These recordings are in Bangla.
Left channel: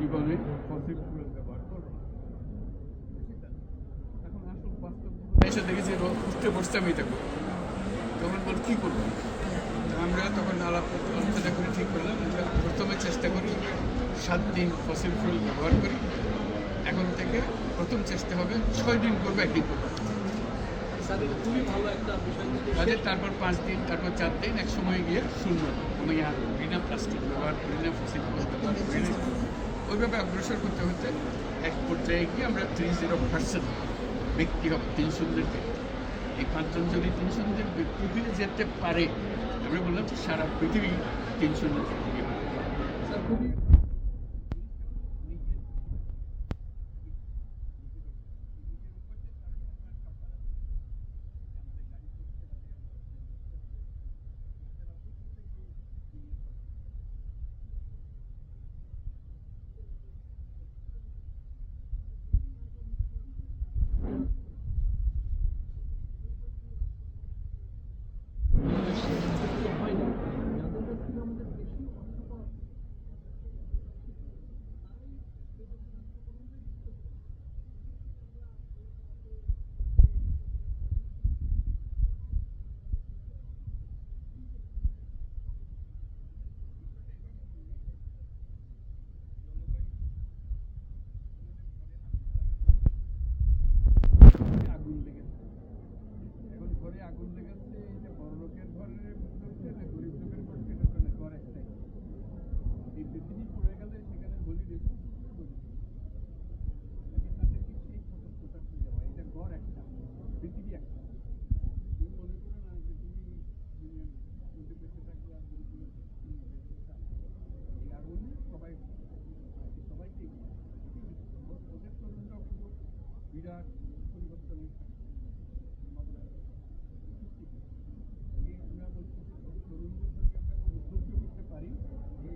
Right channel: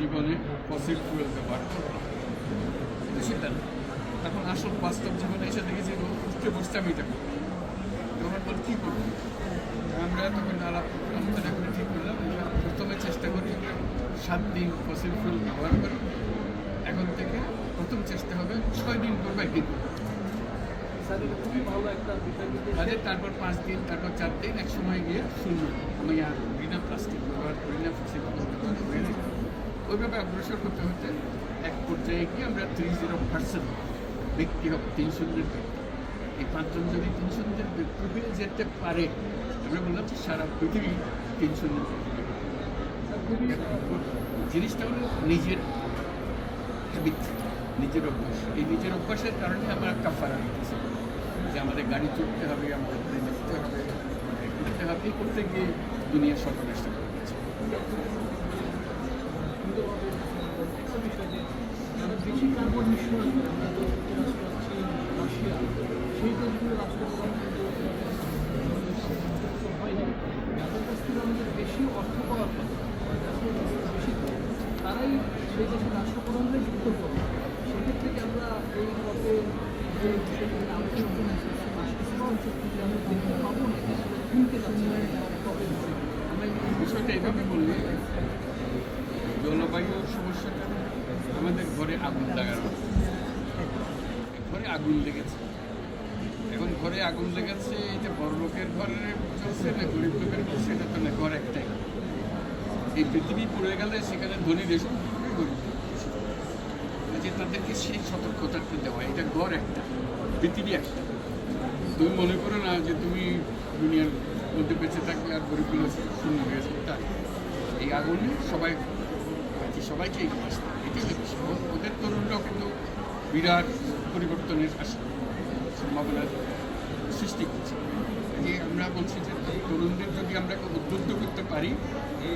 জীবনে ফসিল ফুয়েল ব্যবহার করব না। কিন্তু সেটা না। এখন আসল বাস্তব জীবনে এসে দেখেছি উঠতে বসতে আমি এটা করবো। তখন বল কী করবো, আমরা তখন আলোচনা করে ঠিক করলাম যে প্রথমে চেষ্টা করি 7 দিন ফসিল ফুয়েল ব্যবহার করি। এখন থেকে প্রথম চেষ্টা হবে 6 দিন করবো, 1 দিন করবো তাদের, তারপর 5 দিন, তারপর 4 দিন, এক সময় গিয়ে 0। আমি আর বিনা প্লাস্টিক ব্যবহার করি না, ফসিল ফুয়েল ব্যবহার করি না। ওইভাবে অগ্রসর করতে হতে এক পর্যায়ে গিয়ে আমরা 30% ব্যক্তি হবে, 300 ব্যক্তি। এই 5 জন যদি 300 ব্যক্তি হয়ে যেতে পারে, আমরা বললাম যে সারা পৃথিবী 300 ব্যক্তি। জিনিসটা হলো নিজের হ্যাবিট, নিজের অভ্যাস। এই নিজের অভ্যাসের কারণে আমরা কাফারা দিতেছি যে আমাদের গাড়ি চড়তে হবে, আমাদের দেখতে হবে, করতে হবে, করতে গিয়ে দুনিয়ার সর্বনাশ করে দিচ্ছে। বেশি কার্বন নিঃসরণ সেই দেশগুলো বেশি অর্থ পাওয়ার পর বেশি তারাই সেই দেশের রাষ্ট্রপ্রধানরাই যুক্ত করবে। সেক্ষেত্রে কি আমরা এই পথে যে বিষয়গুলো আলোচনা পাবো না কিনতে পারছি আমরা বিষয়টা এভাবে বললে, জলবায়ু সমস্যাটা আমাদের ঘরে আগুন লাগানো, ঘরে আগুন লেগেছে। এখন ঘরে আগুন লেগেছে, এই যে বড় লোকের ঘরে চলছে না গরিব লোকের চলছে, এটা তো না, ঘর একটাই। এই পৃথিবী পড়ে গেলে সেখানে ধনী দেশ গরিব যে তাদেরকে সেই সতর্কতাটা দেওয়া, এটা ঘর একটা, পৃথিবী একটা। তুমি মনে করো না যে তুমি দুনিয়ার মধ্যে বেঁচে থাকবে আর গরিবগুলো শূন্য হয়ে যাবে, তাই এই আগুনে সবাইকে এগিয়ে আসতে, এটাই হচ্ছে ওদের তরুণরাও কিন্তু বিরাট পরিবর্তনের সম্ভাবনার সৃষ্টি করছে। যে আমরা বলছি যে তরুণদের যদি আমরা উদ্বুদ্ধ করতে পারি,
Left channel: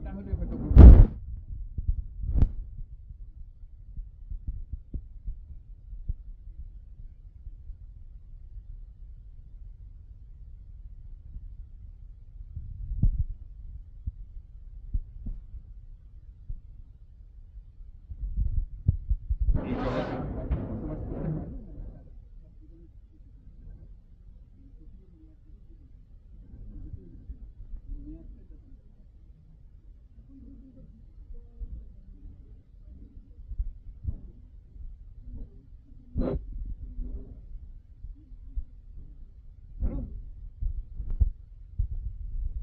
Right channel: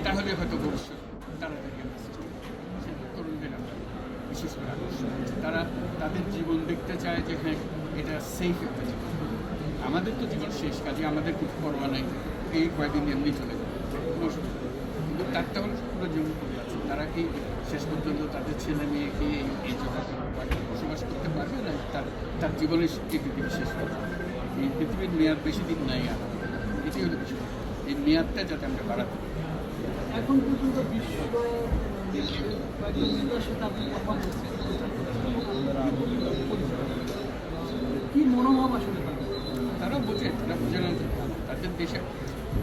তাহলে হয়তো ভবিষ্যৎ তাড়াতাড়ি তরুণদের আমরা বিশেষ করে আকর্ষণ করছি। তারা তাদের জীবন দেখতে চায় যে হ্যাঁ এটা সেফ একটা জীবন। আমাদের তো জীবন শেষ, কাজে আমাদের কিছু পরোয়া নাই, এই কয়েকদিন এমনি চলে যাবে, কিন্তু তারটা হলো পুরো জীবন করে আছে। তারা কি শেষ পর্যন্ত তাদের ছেলে মেয়েকে এই জগতে বসবাস করতে পারবে না, তার জীবনের এই পৃথিবী শেষ করবে। এই পৃথিবীর মেয়াদ বেশি দিন নাই, আর এটি হলো বিষয়। এই মেয়াদটা যাতে আমরা বাড়াতে পারি। এখন পর্যন্ত বিশ্ব সাথে আপনি কথা বলছেন, কি মনোভাব আসলে তারা বোঝে না তাদের দেশে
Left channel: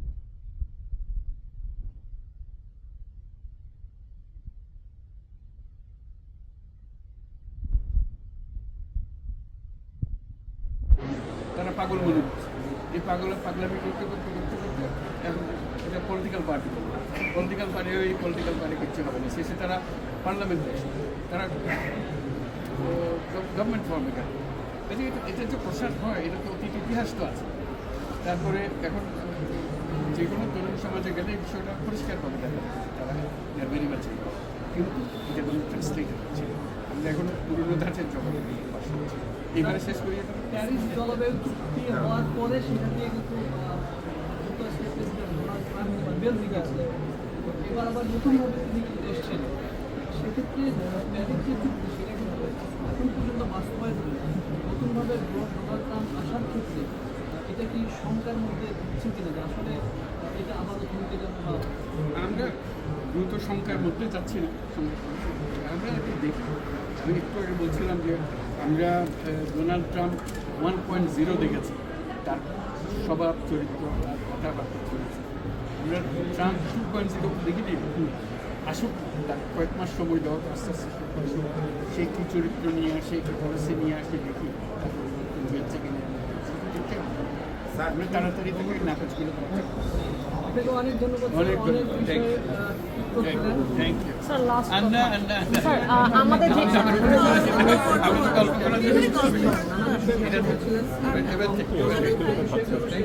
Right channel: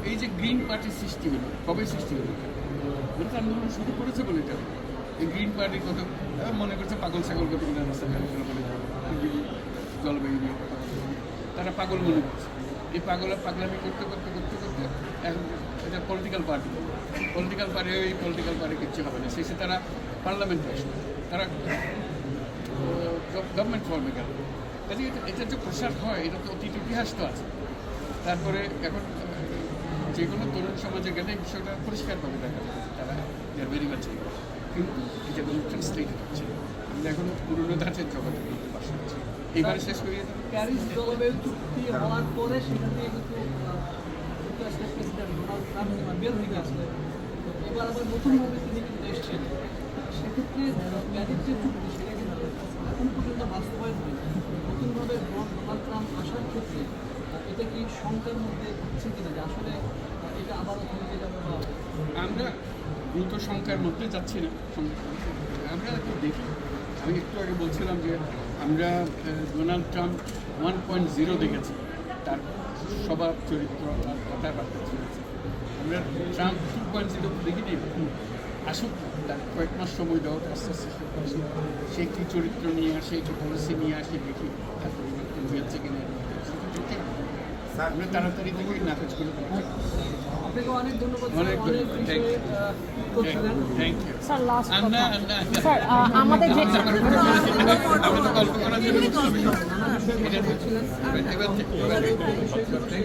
এই যে গ্রিন পার্টির সৃষ্টি হলো, কবে সৃষ্টি হলো? ওরা আন্দোলন শুরু করেছে বলে এটা। এই গ্রিন পার্টির কথা মনে করছে পাগল ছাগল কত জলবায়ু নিয়ে তারা পাগল মনে করছে। এই পাগলামি করতে করতে করতে করতে এখন এটা পলিটিক্যাল পার্টি এই পলিটিক্যাল পার্টি কিচ্ছু হবে না। শেষে তারা পার্লামেন্টে আসবে, তারা গভর্নমেন্ট ফর্মে গেল। কাজে এটা যে প্রসার হয়, এটা তো অতীত ইতিহাস তো আছে। তারপরে এখন যে কোনো তরুণ সমাজে গেলে এই বিষয়টা পরিষ্কারভাবে দেখা যায়, তারা ভেরি মাচ। কিন্তু এটা কোনো ট্রান্সলেট হচ্ছে, আমরা এখনো পুরনো ধাঁচের জগতে বাস করছি। এইবারে শেষ করিয়ে দেবো। প্যারিস জলবায়ু চুক্তি হওয়ার পরে সেটা নিয়ে কিন্তু বের হয়ে গেছে। এবার আবার নতুনভাবে তিনি কিন্তু এসছেন। সেক্ষেত্রে প্যারিস যে চুক্তি সেটা কিন্তু এখন পর্যন্ত বাস্তবায়ন হয়েছে। নতুনভাবে ডোনাল্ড ট্রাম্প আসার ক্ষেত্রে এটা কি শঙ্কার মধ্যে হচ্ছে কিনা যে আসলে এটা আবারও থমকে যাবে? বা আমরা দ্রুত শঙ্কার মধ্যে যাচ্ছি না, আমরা দেখি। আমি একটু আগে বলছিলাম যে আমরা ডোনাল্ড ট্রাম্প 1.0 দেখেছি, তার স্বভাব চরিত্র আর কথাবার্তা চলেছে। আমরা ট্রাম্প 2.0 দেখিনি। আসুক, তার কয়েক মাস সময় দেওয়া, আস্তে আস্তে আসুক, সে কী চরিত্র নিয়ে আসে, কী পলিসি নিয়ে আসে, দেখি তার পরিবর্তন হয়েছে কিনা। আমরা তাড়াতাড়ি থেকে নাকচ করে দেওয়া। অনেক ধন্যবাদ। অনেক ধন্যবাদ, থ্যাংক ইউ। আন্না আমরা তো গল্প করার জন্য এবার